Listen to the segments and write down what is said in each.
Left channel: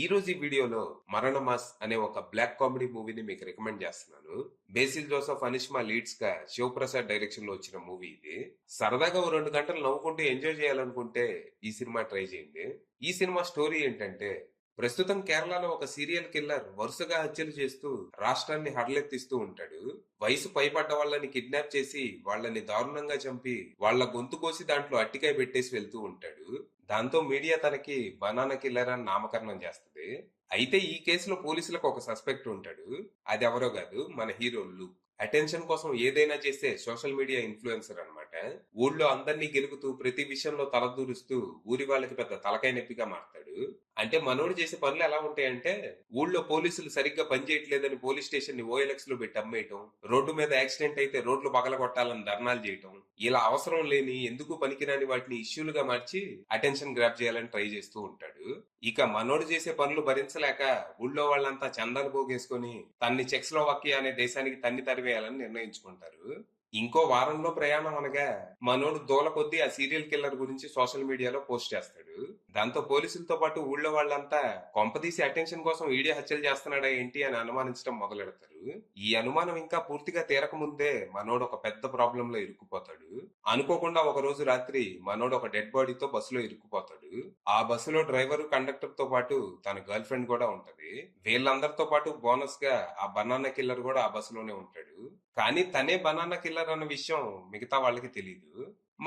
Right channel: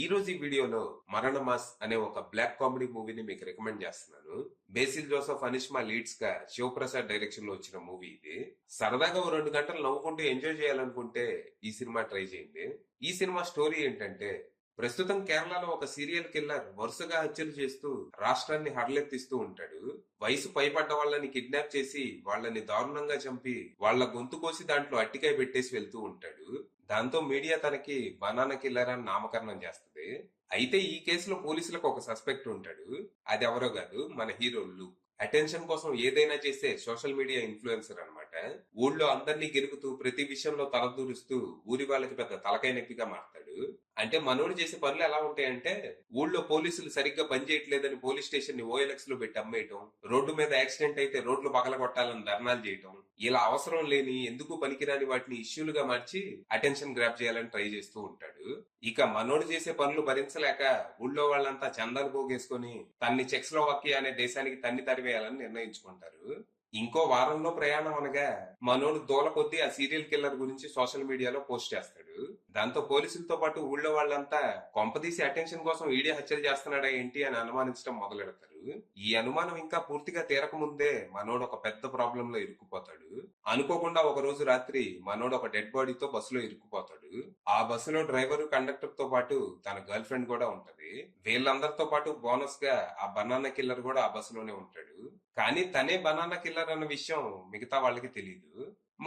ఈ రోజు ఈ వీడియోలో మరణ మాస్ అనే ఒక బ్లాక్ కామెడీ మూవీని మీకు రికమెండ్ చేస్తున్నాను. బేసిల్ జోసెఫ్ అనిష్మా లీడ్స్ గా శివప్రసాద్ డైరెక్షన్ లో వచ్చిన మూవీ ఇది. సరదాగా ఓ 2 గంటలు నవ్వుకుంటూ ఎంజాయ్ చేయాలనుకుంటే ఈ సినిమా ట్రై చేయండి. ఈ సినిమా స్టోరీ ఏంటంటే, ప్రస్తుతం కేరళలో ఒక సీరియల్ కిల్లర్ వరుసగా హత్యలు చేస్తూ రాష్ట్రాన్ని హడలెత్తిస్తూ ఉంటాడు. వయసు పైబడ్డ వాళ్ళని కిడ్నాప్ చేసి వాళ్ళని దారుణంగా చంపి వాళ్ళ గొంతు కోసి దాంట్లో అట్టికాయ పెట్టేసి వెళ్తూ ఉంటాడు. దాంతో మీడియా తనకి బనానా కిల్లర్ అని నామకరణం చేస్తుంది. అయితే ఈ కేసులో పోలీసులకు ఒక సస్పెక్ట్ ఉంటాడు. అది ఎవరో కాదు, మన హీరో లూక్. అటెన్షన్ కోసం ఏదైనా చేసే సోషల్ మీడియా ఇన్ఫ్లుయెన్సర్ అన్నమాట. ఊళ్ళో అందరినీ గెలుకుతూ ప్రతి విషయంలో తలదూరుస్తూ ఊరి వాళ్ళకి పెద్ద తలకాయ నొప్పిగా మారతాడు. అంటే మనోడు చేసే పనులు ఎలా ఉంటాయంటే, ఊళ్ళో పోలీసులు సరిగ్గా పనిచేయట్లేదని పోలీస్ స్టేషన్ ని ఓఎల్ఎక్స్ లో పెట్టి అమ్మేయటం, రోడ్డు మీద యాక్సిడెంట్ అయితే రోడ్లు పగలగొట్టాలని ధర్నాలు చేయటం, ఇలా అవసరం లేని ఎందుకు పనికిరాని వాటిని ఇష్యూలుగా మార్చి అటెన్షన్ గ్రాప్ చేయాలని ట్రై చేస్తూ ఉంటాడు. ఇక మనోడు చేసే పనులు భరించలేక ఊళ్ళో వాళ్ళంతా చందాలు పోగేసుకొని తన్ని చెక్స్లోవాకియా అనే దేశానికి తన్ని తరివేయాలని నిర్ణయించుకుంటారు. ఇంకో వారంలో ప్రయాణం అనగా మనోడు దూల కొద్దీ ఆ సీరియల్ కిల్లర్ గురించి సోషల్ మీడియాలో పోస్ట్ చేస్తాడు. దాంతో పోలీసులతో పాటు ఊళ్ళో వాళ్ళంతా కొంపదీసి అటెన్షన్ కోసం ఈడే హత్యలు చేస్తున్నాడా ఏంటి అని అనుమానించడం మొదలెడతారు. ఈ అనుమానం ఇంకా పూర్తిగా తీరక ముందే మనోడు ఒక పెద్ద ప్రాబ్లం లో ఇరుక్కుపోతాడు. అనుకోకుండా ఒక రోజు రాత్రి మనోడు ఒక డెడ్ బాడీతో బస్సులో ఇరుక్కుపోతాడు. ఆ బస్సులో డ్రైవర్ కండక్టర్ తో పాటు తన గర్ల్ ఫ్రెండ్ కూడా ఉంటది. వీళ్ళందరితో పాటు బోనస్ గా ఆ బనానా కిల్లర్ కూడా ఆ బస్సులోనే ఉంటాడు. కానీ తనే బనానా కిల్లర్ అన్న విషయం మిగతా వాళ్ళకి తెలియదు.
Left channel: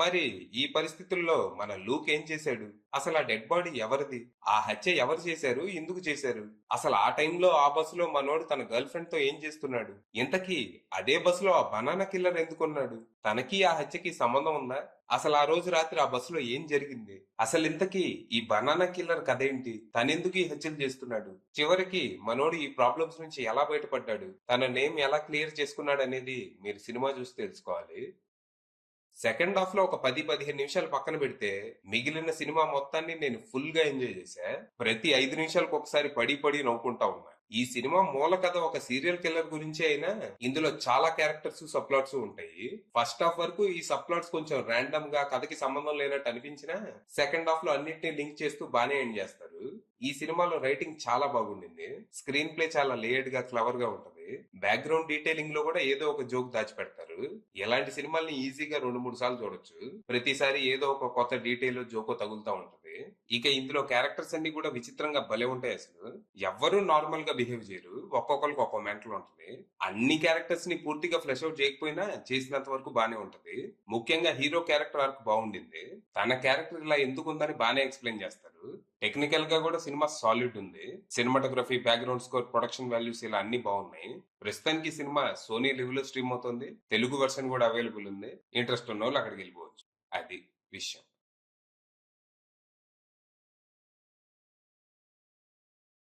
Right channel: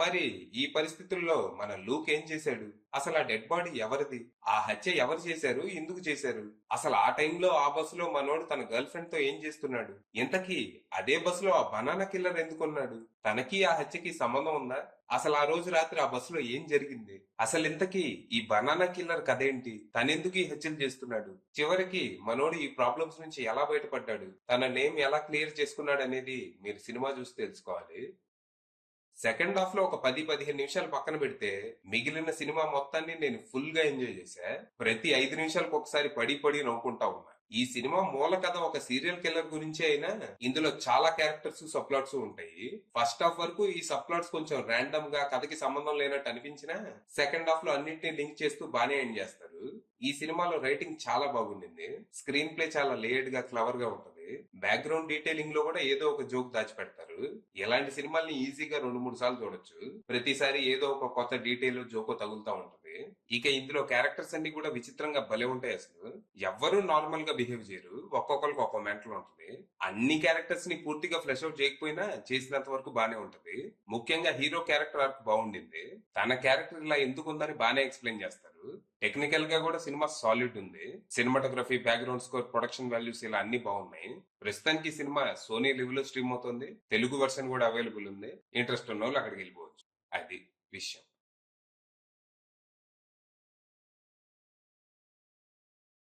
మరి ఈ పరిస్థితుల్లో మన లూక్ ఏం చేశాడు? అసలు ఆ డెడ్ బాడీ ఎవరిది? ఆ హత్య ఎవరు చేశారు? ఎందుకు చేశారు? అసలు ఆ టైంలో ఆ బస్సులో మనోడు తన గర్ల్ ఫ్రెండ్ తో ఏం చేస్తున్నాడు? ఇంతకీ అదే బస్సులో ఆ బనానా కిల్లర్ ఎందుకున్నాడు? తనకి ఆ హత్యకి సంబంధం ఉందా? అసలు ఆ రోజు రాత్రి ఆ బస్సులో ఏం జరిగింది? అసలు ఇంతకీ ఈ బనానా కిల్లర్ కథ ఏంటి? తనెందుకు ఈ హత్యలు చేస్తున్నాడు? చివరికి మనోడు ఈ ప్రాబ్లమ్స్ నుంచి ఎలా బయటపడ్డాడు? తన నేమ్ ఎలా క్లియర్ చేసుకున్నాడు అనేది మీరు సినిమా చూసి తెలుసుకోవాలి. సెకండ్ హాఫ్ లో ఒక 10-15 నిమిషాలు పక్కన పెడితే మిగిలిన సినిమా మొత్తాన్ని నేను ఫుల్ గా ఎంజాయ్ చేశా. ప్రతి 5 నిమిషాలకు ఒకసారి పడి పడి నవ్వుకుంటా ఉన్నా. ఈ సినిమా మూల కథ ఒక సీరియల్ కిల్లర్ గురించి అయినా ఇందులో చాలా క్యారెక్టర్స్ సబ్ ప్లాట్స్ ఉంటాయి. ఫస్ట్ హాఫ్ వరకు ఈ సబ్ ప్లాట్స్ కొంచెం ర్యాండమ్ గా కథకి సంబంధం లేనట్టు అనిపించినా సెకండ్ హాఫ్ లో అన్నిటిని లింక్ చేస్తూ బానే ఎండ్ చేస్తారు. ఈ సినిమాలో రైటింగ్ చాలా బాగుండింది. స్క్రీన్ ప్లే చాలా లేయర్డ్ గా క్లవర్ గా ఉంటది. బ్యాక్గ్రౌండ్ డీటెయిలింగ్ లో కూడా ఏదో ఒక జోక్ దాచిపెడతారు. ఎలాంటి సినిమాల్ని ఈజీగా 2-3 సార్లు చూడొచ్చు. ప్రతిసారి ఏదో ఒక కొత్త డీటెయిల్ జోకో తగులుతా ఉంటది. ఇక ఇందులో క్యారెక్టర్స్ అన్ని కూడా విచిత్రంగా భలే ఉంటాయి. అసలు ఎవ్వరూ నార్మల్ గా బిహేవ్ చేయరు. ఒక్కొక్కరికి ఒక్కో మెంటల్ ఉంటుంది. అన్ని క్యారెక్టర్స్ ని పూర్తిగా ఫ్లెష్ అవుట్ చేయకపోయినా చేసినంత వరకు బానే ఉంటది. ముఖ్యంగా హీరో క్యారెక్టర్ ఆర్క్ బాగుండింది. తన క్యారెక్టర్ ఇలా ఎందుకు ఉందని బానే ఎక్స్ప్లెయిన్ చేస్తారు. టెక్నికల్ గా కూడా సినిమా సాలిడ్ ఉంది. Cinematography, background score, production values ఇలా అన్ని బాగున్నాయి. ప్రస్తుతానికి ఈ సినిమా సోనీ లివ్ లో స్ట్రీమ్ అవుతుంది. తెలుగు వెర్షన్ కూడా అవైలబుల్ ఉంది. ఇంట్రెస్ట్ ఉన్న వాళ్ళు అక్కడికి వెళ్ళిపోవచ్చు. అది విషయం.